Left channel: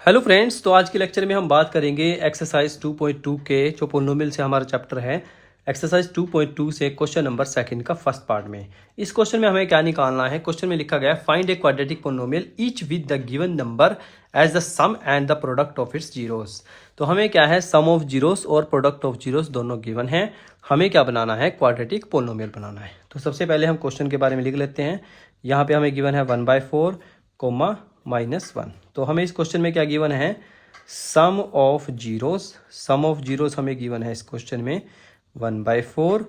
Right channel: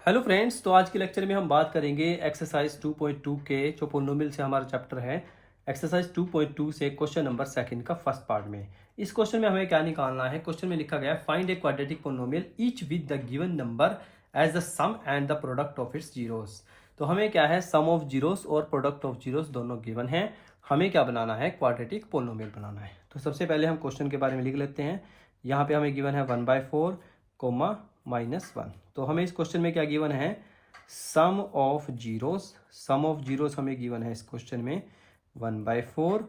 Hello friends, तो आज के लेक्चर में हम बात करेंगे एक्सरसाइज 2.2 के जो पोलिनोमियल से हमारा चैप्टर है। एक्सरसाइज 2.2 से क्वेश्चन नंबर सेकंड का फर्स्ट पार्ट में इस क्वेश्चन में हमें क्या निकालना है। क्वेश्चन में लिखा गया है find a quadratic polynomial each with the given number as the sum and the product of its zeros. तो हमें क्या है, सम ऑफ जीरोस और प्रोडक्ट ऑफ जीरोस दोनों गिवन है। हमें क्या बनाना है, क्वाड्रेटिक पोलिनोमियल बनाना है। तो सबसे पहले हम क्वेश्चन के बारे में लिख लेते हैं। यहाँ पे हमें गिवन है 1/4 कोमा -1। तो हमें इस क्वेश्चन में क्या गिवन है, sum of zeros. Sum of zeros हमें गिवन है इस क्वेश्चन में 1/4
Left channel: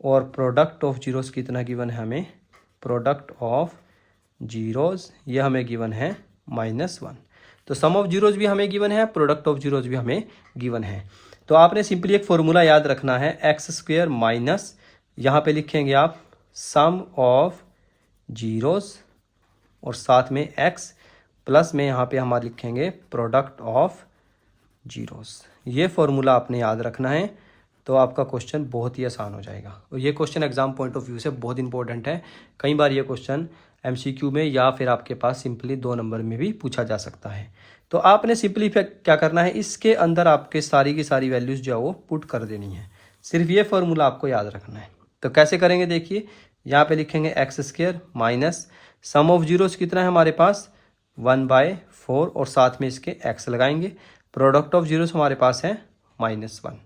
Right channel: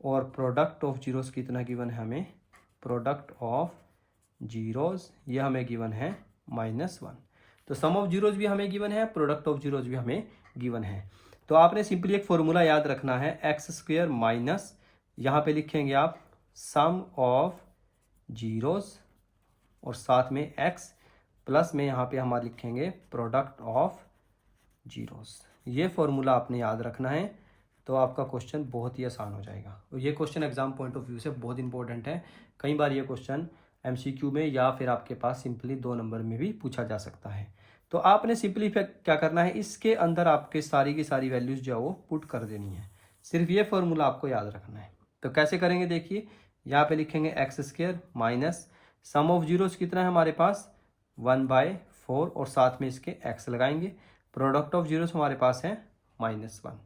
और प्रोडक्ट ऑफ जीरोस कितना गिवन है हमें, प्रोडक्ट ऑफ जीरोस ये हमें गिवन है -1। तो सम ऑफ जीरोस भी हमें गिवन है, प्रोडक्ट ऑफ जीरोस भी हमें गिवन है। तो आपने सिंपली एक फॉर्मूला याद रखना है, x² माइनस यहाँ पे लिखेंगे आप सम ऑफ जीरोस और साथ में x प्लस में यहाँ पे हमारे लिखेंगे प्रोडक्ट ऑफ जीरोस। ये फॉर्मूला आपने याद रखना है, तो आपका क्वेश्चन बहुत ही आसान हो जाएगा। और ये question exam point of view से बहुत इंपॉर्टेंट है। कई बार ये क्वेश्चन एमसीक्यू में या फिर आपके पास सिंपली 2 नंबर में भी पूछा जा सकता है। तो आपने सिंपली क्या करना है, इसके अंदर आपके सारी की सारी वैल्यूज़ जो है वो पुट कर देनी है। सिर्फ ये फॉर्मूला आपको याद रखना है। तो कैसे करेंगे, देखिए यहाँ पे लिखेंगे x² minus sum of zeros कितना है हमारे पास 1/4 और साथ में इसके x लगाएंगे। प्रोडक्ट ऑफ जीरोस हमारे पास है -1।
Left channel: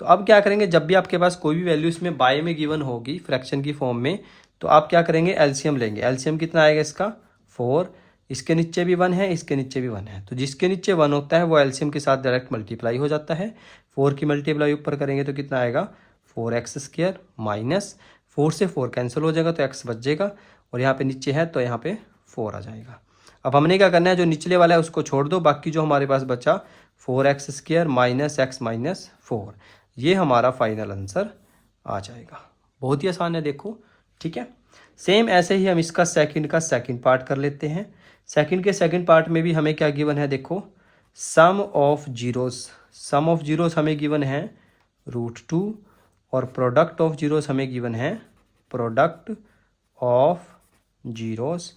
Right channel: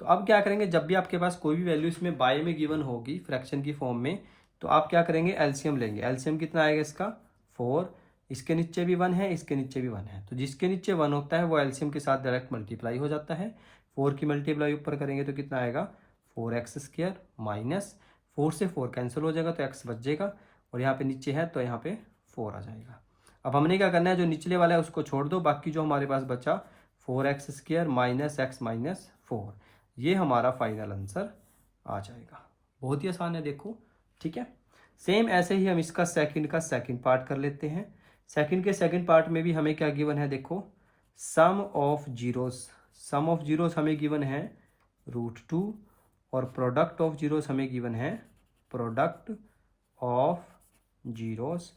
तो अब क्या करेंगे, जब भी आपके पास कोई भी वैल्यू इसमें बाय में गिवन होगी फ्रैक्शन की फॉर्म में, तो आप क्या करेंगे, एलसीएम लेंगे। एलसीएम कितना आएगा इसका 4, इसके नीचे भी 1 है, इसके नीचे भी 1 है। तो जिसके नीचे 1 होता है वो एलसीएम के साथ डायरेक्ट मल्टीप्लाई हो जाता है। 4 की मल्टीप्लाई ऊपर करेंगे तो कितना आएगा 4x² माइनस 4 से 4 कैंसिल हो जाएगा तो x बचेगा और यहाँ पे नीचे है तो यहाँ पे 4 आ जाएगा। अब हमने क्या करना है, जो निचले वाला है उसको छोड़ दो, बाकी जो हमारे पास बचा 4x² माइनस x माइनस 4, ये हमारा फाइनल आंसर आ जाएगा। बहुत ही आसान है, देखो ठीक है। सेम ऐसे ही हम इसका सेकंड का सेकंड पार्ट कर लेते हैं। सेकंड के सेकंड पार्ट में भी हमें क्या गिवन है, देखो sum of zeros. Sum of zeros हमें गिवन है √2 और प्रोडक्ट ऑफ जीरोस हमें गिवन है product of zeros.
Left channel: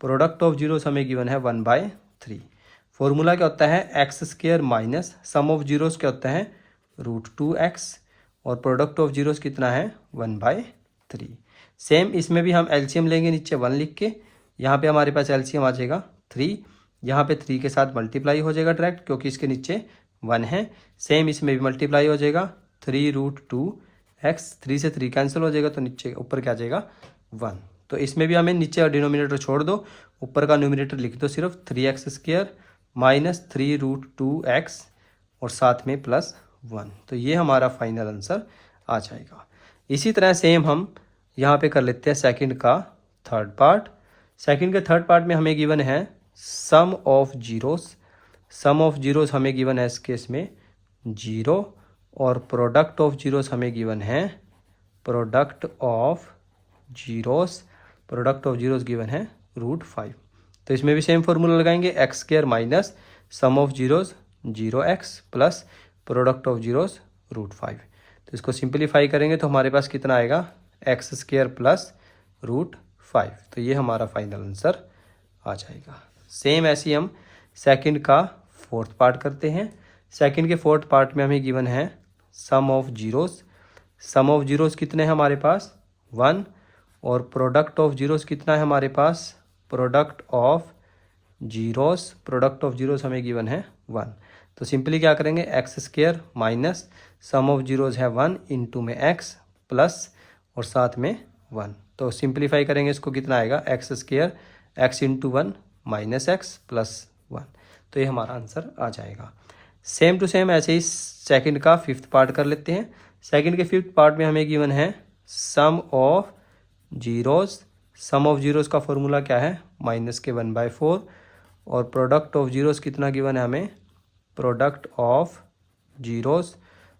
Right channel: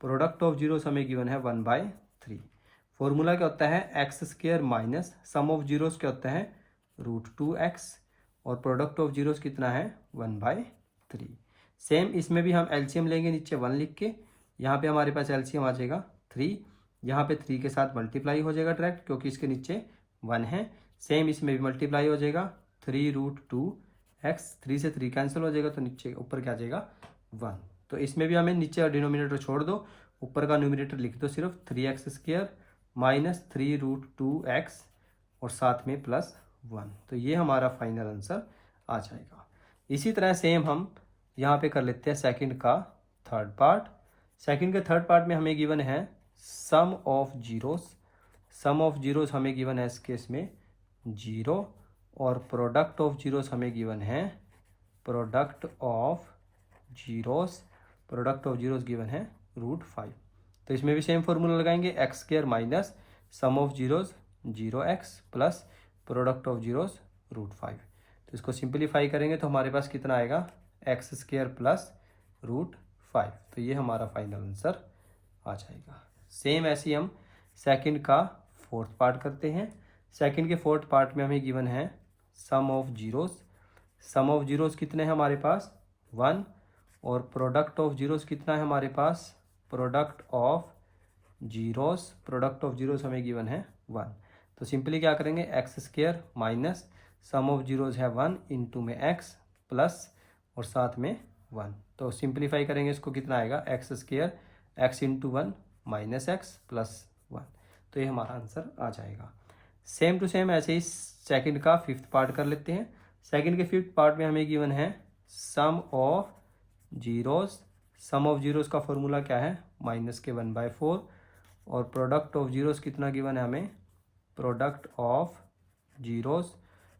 Product of zeros हमें गिवन है 1/3। फॉर्मूला क्या होता है, x² minus sum of zeros क्या होता है √2x और प्रोडक्ट ऑफ जीरोस कितना है 1/3। सेम इसमें भी हम एलसीएम लेंगे, नीचे 1 लिख के, यहाँ पे हमारे पास एलसीएम आ जाएगा 3, यहाँ पे 3 के साथ मल्टीप्लाई हो जाएगा डायरेक्ट क्योंकि इसके नीचे 1 है। सेम इसमें भी मल्टीप्लाई हो जाएगा 3√2x, 3 से 3 कैंसिल हो जाएगा तो नीचे ऊपर क्या आ जाएगा 1। तो इसमें भी हमें नीचे डिनोमिनेटर छोड़ दो, ऊपर का न्यूमिनेटर लिख दो सिर्फ 3x² माइनस 3√2x और साथ में +1। तो ये हमारा फाइनल आंसर आ जाएगा। इसी तरह सेम हम यहाँ पे कर लेते हैं सेकंड का थर्ड पार्ट। सेकंड के थर्ड पार्ट में हमें गिवन है sum of zeros. Sum of zeros हमें गिवन है इस केस में 0 और प्रोडक्ट ऑफ जीरोस हमें गिवन है product of zeros. Product of zeros given है √5। तो इसमें भी सेम फॉर्मूला लगाएंगे, x² minus sum of zeros 0x plus product of zeros √5। तो इसको सिंपलीफाई करेंगे तो हमारे पास कितना आएगा x² प्लस √5। तो ये हमारा फाइनल आंसर आ जाएगा। सेम ऐसे ही हम सेकंड का फोर्थ पार्ट करते हैं। सेकंड के फोर्थ पार्ट में हमें गिवन है sum of zeros. Sum of zeros कितने हैं हमारे पास 1 और प्रोडक्ट ऑफ जीरोस कितना है हमारे पास product of zeros. Product of zeros हमें गिवन है 1। तो सिंपली क्या करेंगे, x² minus sum of zeros है 1 इंटू में x प्लस और साथ में 1। तो सिंपलीफाई करेंगे इसको, कितना आएगा x² x into 1 minus x plus 1। तो ये हमारा आंसर आ जाएगा। सेम टू सेम ऐसे ही सेकंड का फिफ्थ पार्ट कर लेते हैं। सेकंड के फिफ्थ पार्ट में हमें गिवन है sum of zeros. Sum of zeros का फॉर्मूला क्या है -1/4 और प्रोडक्ट ऑफ जीरोस कितना गिवन है हमें product of zeros.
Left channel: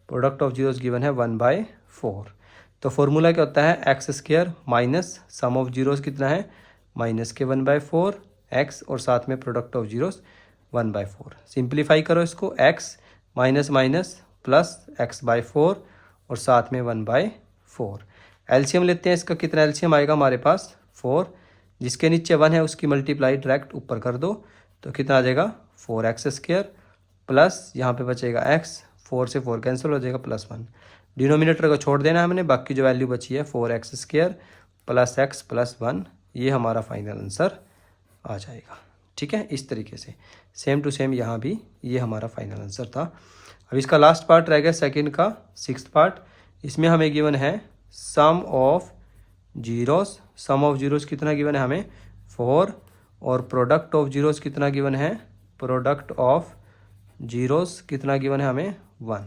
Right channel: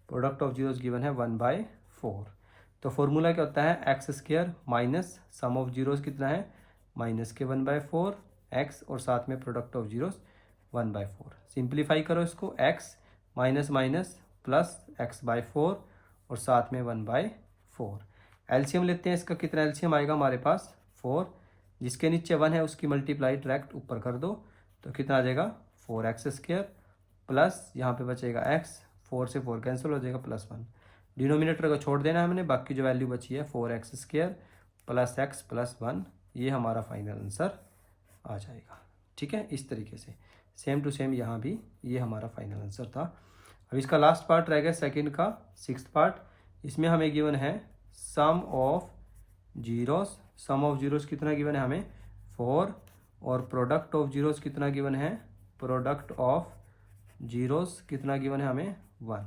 Product of zeros given है 1/4। तो फॉर्मूला क्या होता है, x² minus sum of zeros कितना है -1/4 x और साथ में प्रोडक्ट ऑफ जीरोस 1/4। सिंप्लीफाई करो इसको, x minus minus plus x/4 और साथ में 1/4। एलसीएम लेते हैं, इसका कितना एलसीएम आएगा हमारे पास 4, जिसके नीचे 1 है उसकी मल्टीप्लाई डायरेक्ट ऊपर कर दो तो कितना आ जाएगा 4x² प्लस यहाँ पे बचेगा x, 4 से 4 कैंसिल हो जाएगा +1। डिनोमिनेटर को छोड़ देना है हमने, बाकी जो वैल्यू बची है 4x² प्लस x प्लस 1, ये हमारा फाइनल आंसर आ जाएगा। ठीक है, इस तरीके से सेम टू सेम यहाँ भी ये हमारा फाइनल आंसर था। अब इसका लास्ट पार्ट रह गया सेकंड का 6th पार्ट। इसमें हमें गिवन है sum of zeros. Sum of zeros कितना गिवन है हमें 4, और प्रोडक्ट ऑफ जीरोस कितना गिवन है, प्रोडक्ट ऑफ जीरोस कितना गिवन है हमें 1।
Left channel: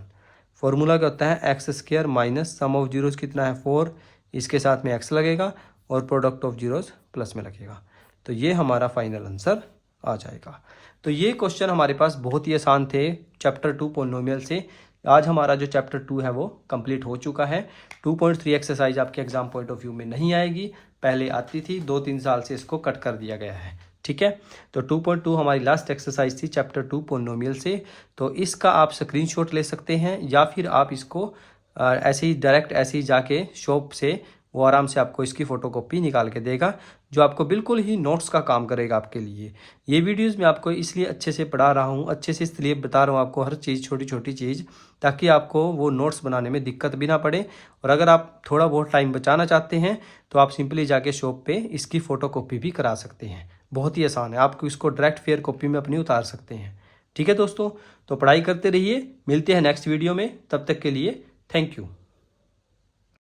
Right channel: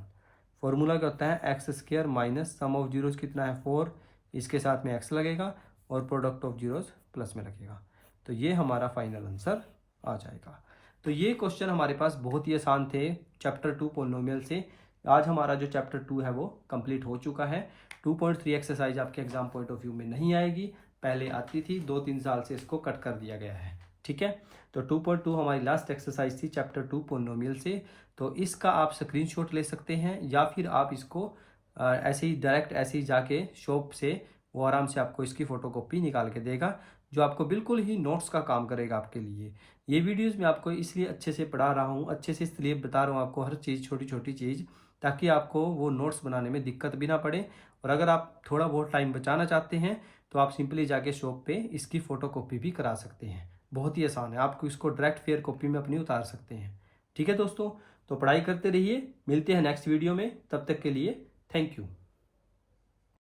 फॉर्मूला क्या होता है x² minus sum of zeros कितना है 4, इसके साथ में x लगेगा और प्रोडक्ट ऑफ जीरोस प्लस में लगेगा, तो ये हमारा फाइनल आंसर आ जाएगा। तो ये क्वेश्चन हमारे पास बहुत ही आसान थे चैप्टर 2 पॉलिनोमियल से। आज हमारा जो चैप्टर 2 है वो कंप्लीट हो चुका है। 2.3 एक्सरसाइज आपके एग्जाम पॉइंट ऑफ व्यू में नहीं आएगी, पहले आती थी, 2-3 साल से इसको कट कर दिया गया है। ठीक है, तो 2.2 हमारी लास्ट एक्सरसाइज थी चैप्टर 2 पॉलिनोमियल से। तो इसका आप स्क्रीनशॉट ले सकते हैं या फिर आप इसको ऐसे ही डायरेक्ट ऐसे ही जाके शॉप से वो आराम से आपको इसकी फ़ोटोकॉपी निकाल के देगा, जो आपको बिल्कुल ही नोट्स का काम करेगा आपके लिए। ये वीडियोस मैं आपको इसलिए अच्छे से पढ़ा रहा हूँ, अच्छे से इसलिए बता रहा हूँ आपको हर चीज़, छोटी छोटी चीज़, ताकि आपको वो नोट्स बनाने में दिक्कत भी ना पड़े। और अगर आप थोड़ा बहुत टाइम बचाना चाहते हैं तो आप सिंपली जाके शॉप पे इसकी फ़ोटोकॉपी भी करा सकते हैं। बहुत ही आसान है, आपको इसको डायरेक्ट फेयर कॉपी में अपनी उतार सकते हैं। ठीक है दोस्तों, तो पढ़ाई करते रहिए, मिलते हैं नेक्स्ट वीडियो में, तब तक के लिए थैंक यू।